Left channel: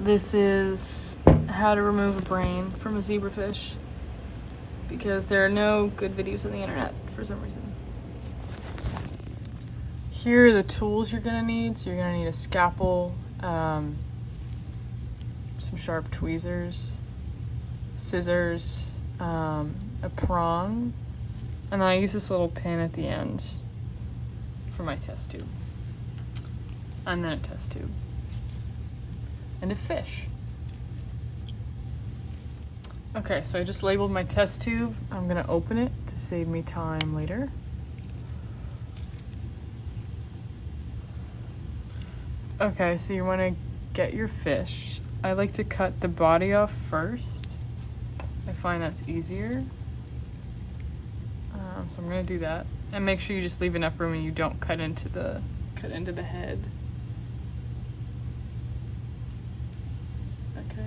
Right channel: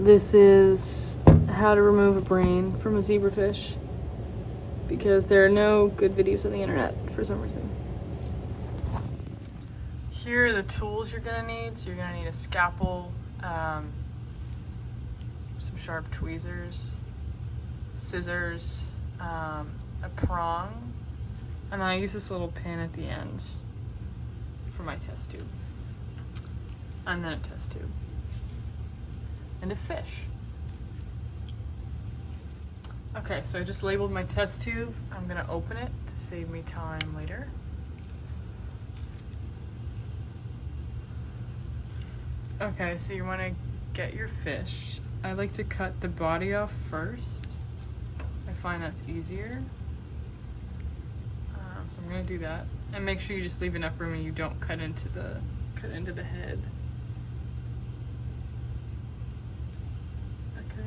This is how to remove a brain from a zebrafish, because there are no good videos on the internet for some reason. Here are the tools you're gonna need. So you're gonna need a scalpel, some sharp tweezers, scissors, a prong, and I use this little pin at the end for my test tube, and then a test tube, and a fish. Okay, so I just labeled my test tube. I'm gonna open it to save me time later. Okay, so you wanna get your fish. I like to cut the body off first. I find that's easier. So I'm gonna do that. And make sure you just leave enough room and you don't cut into the head. Okay.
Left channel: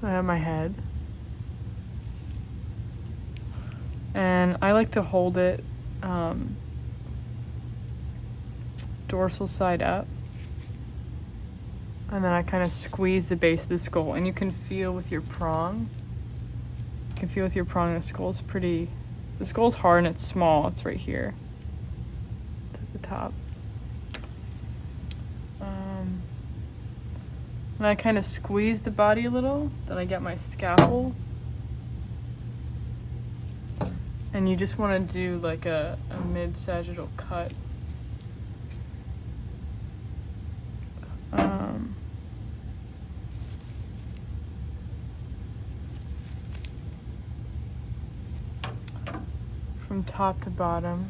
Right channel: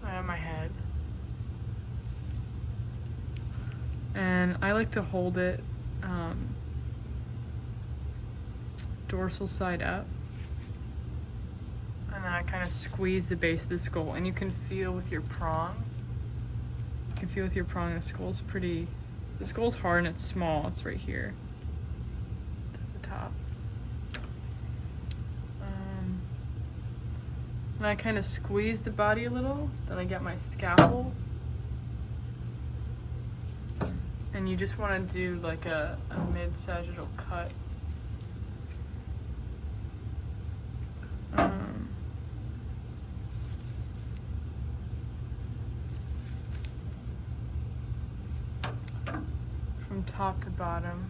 So I have my head. And I like to hold it dorsal side up. And then I kind of squeeze the base of the skull, and you can feel with your prong. You can feel with your prong, the skull's hard and it's small. It's right here. It's at the top. And I kind of squeeze the body a little. Then I get my scalpel. And you just want to do like a mid-sagittal cut. From top to bottom.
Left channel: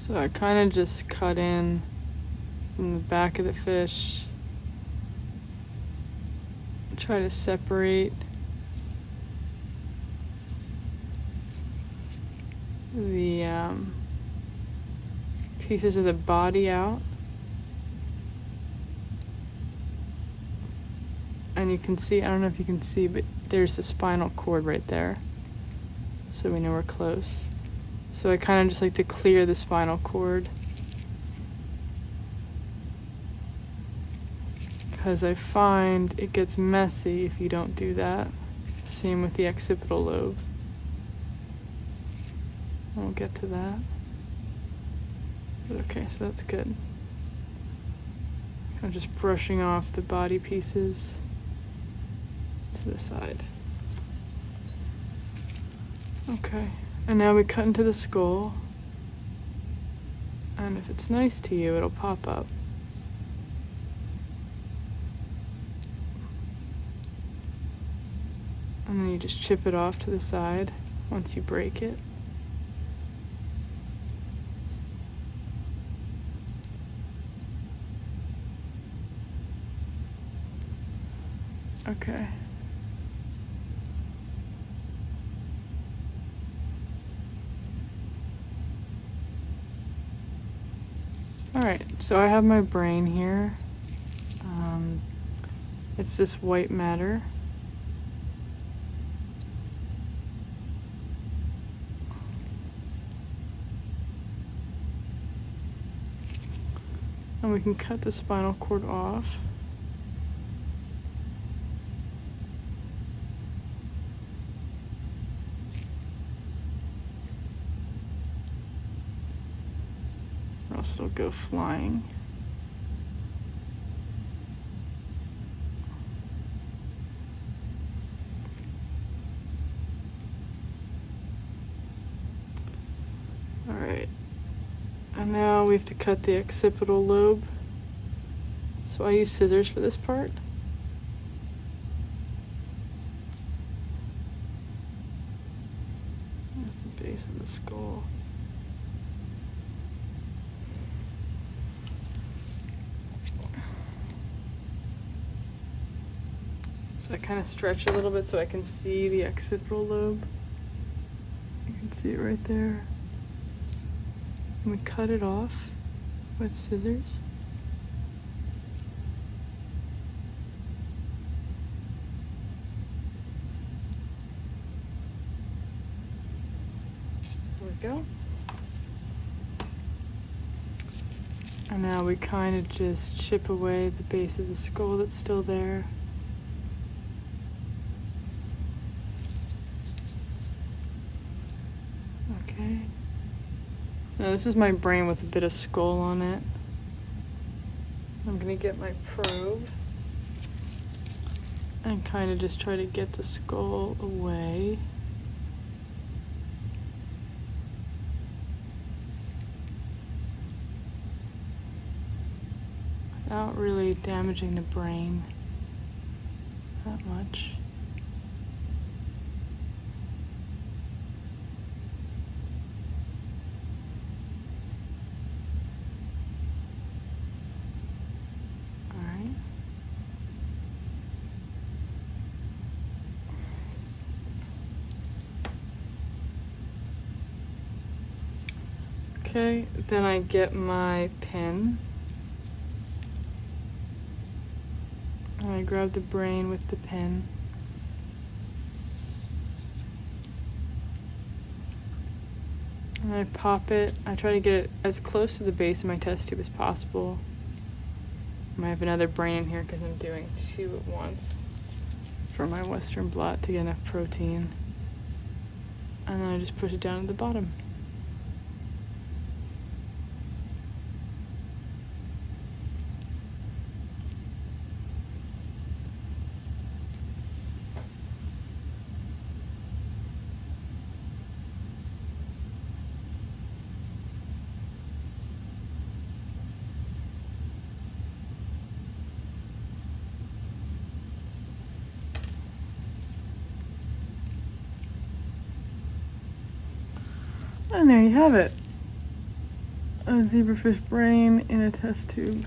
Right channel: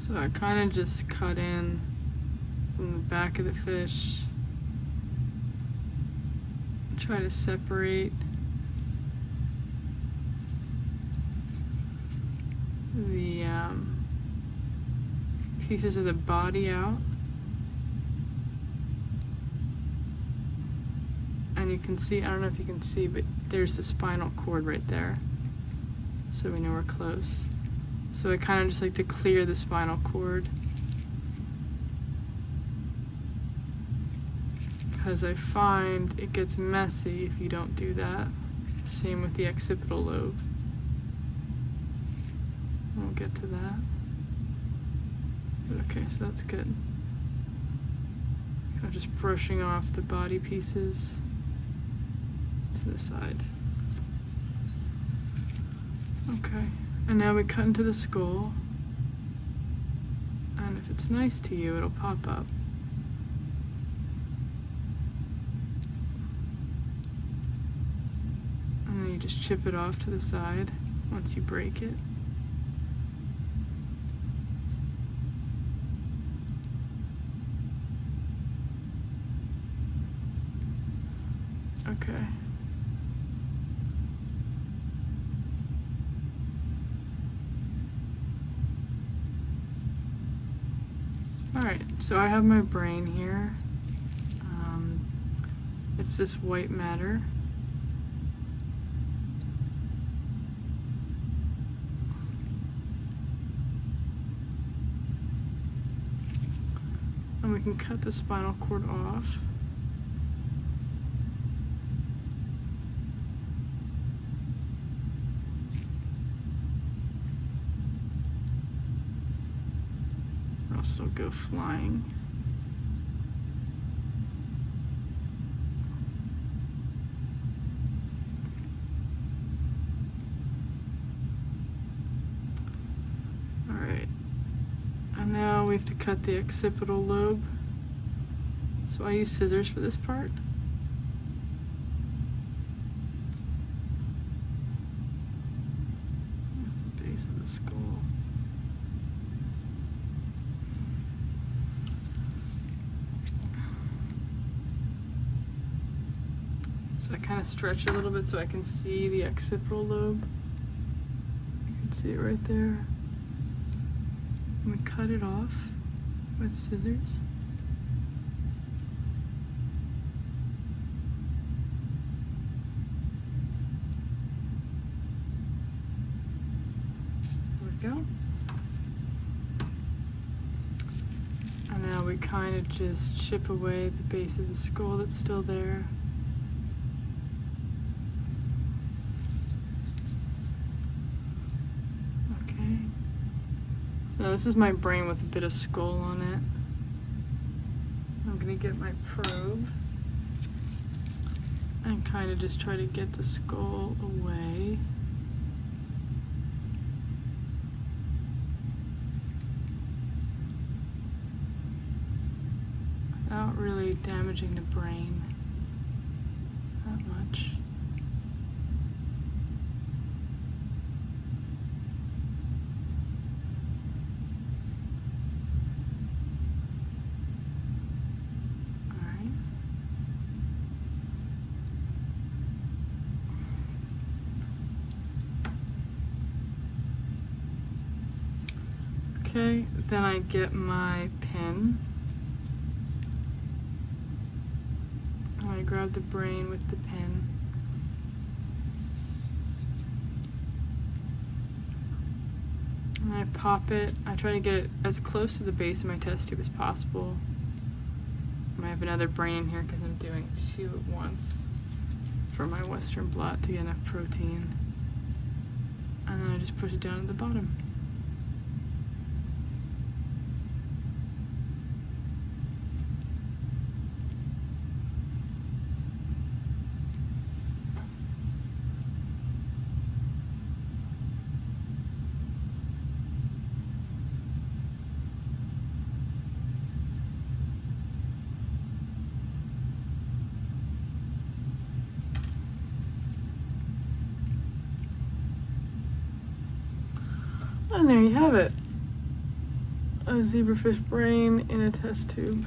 So I kind of just cut in from the back of the fish, try to separate the pieces of the body out. And you can see, I don't know if you can see, but there's the spinal cord right there. So we know we're close. So I kind of just like to clear the spinal cord, because I find it gets messy if you don't do that. Same with the occipital lobe. We'll get to that. Okay, so that's good. Kind of just brushing off the body pieces to the side. Okay. And now we cut into the skull, and if it's nice to you, it'll pop up. And then you just chip it off to the side once you break it. Okay. Alright, so I have my brain here. It's this white matter. And we can cut the spinal cord off. Or else it'll go flying. Alright. And now we have to cut the occipital lobe. So I use scissors for this part. There's the base of the skull. So I kind of stretch a little bit so I can see the occipital lobe. You can see it right there. And we cut it off with scissors. There we go. And now we kind of just chip away the base of the skull that's still there. Okay. Now this is my brain with a bit of skull on it. I'm gonna get my probe and kind of just try to get the skull away. Without really damaging the brain that much. Alright. Okay, then I get my pin. I grab the brain with the pin. And I pop it. I try to get it as close to the base of my test tube as possible. And I have another brain in here because I'm doing 2 at once for my Western blot to get enough protein. And then I just push it down at the bottom. And there you have it. A zebrafish brain in a test tube.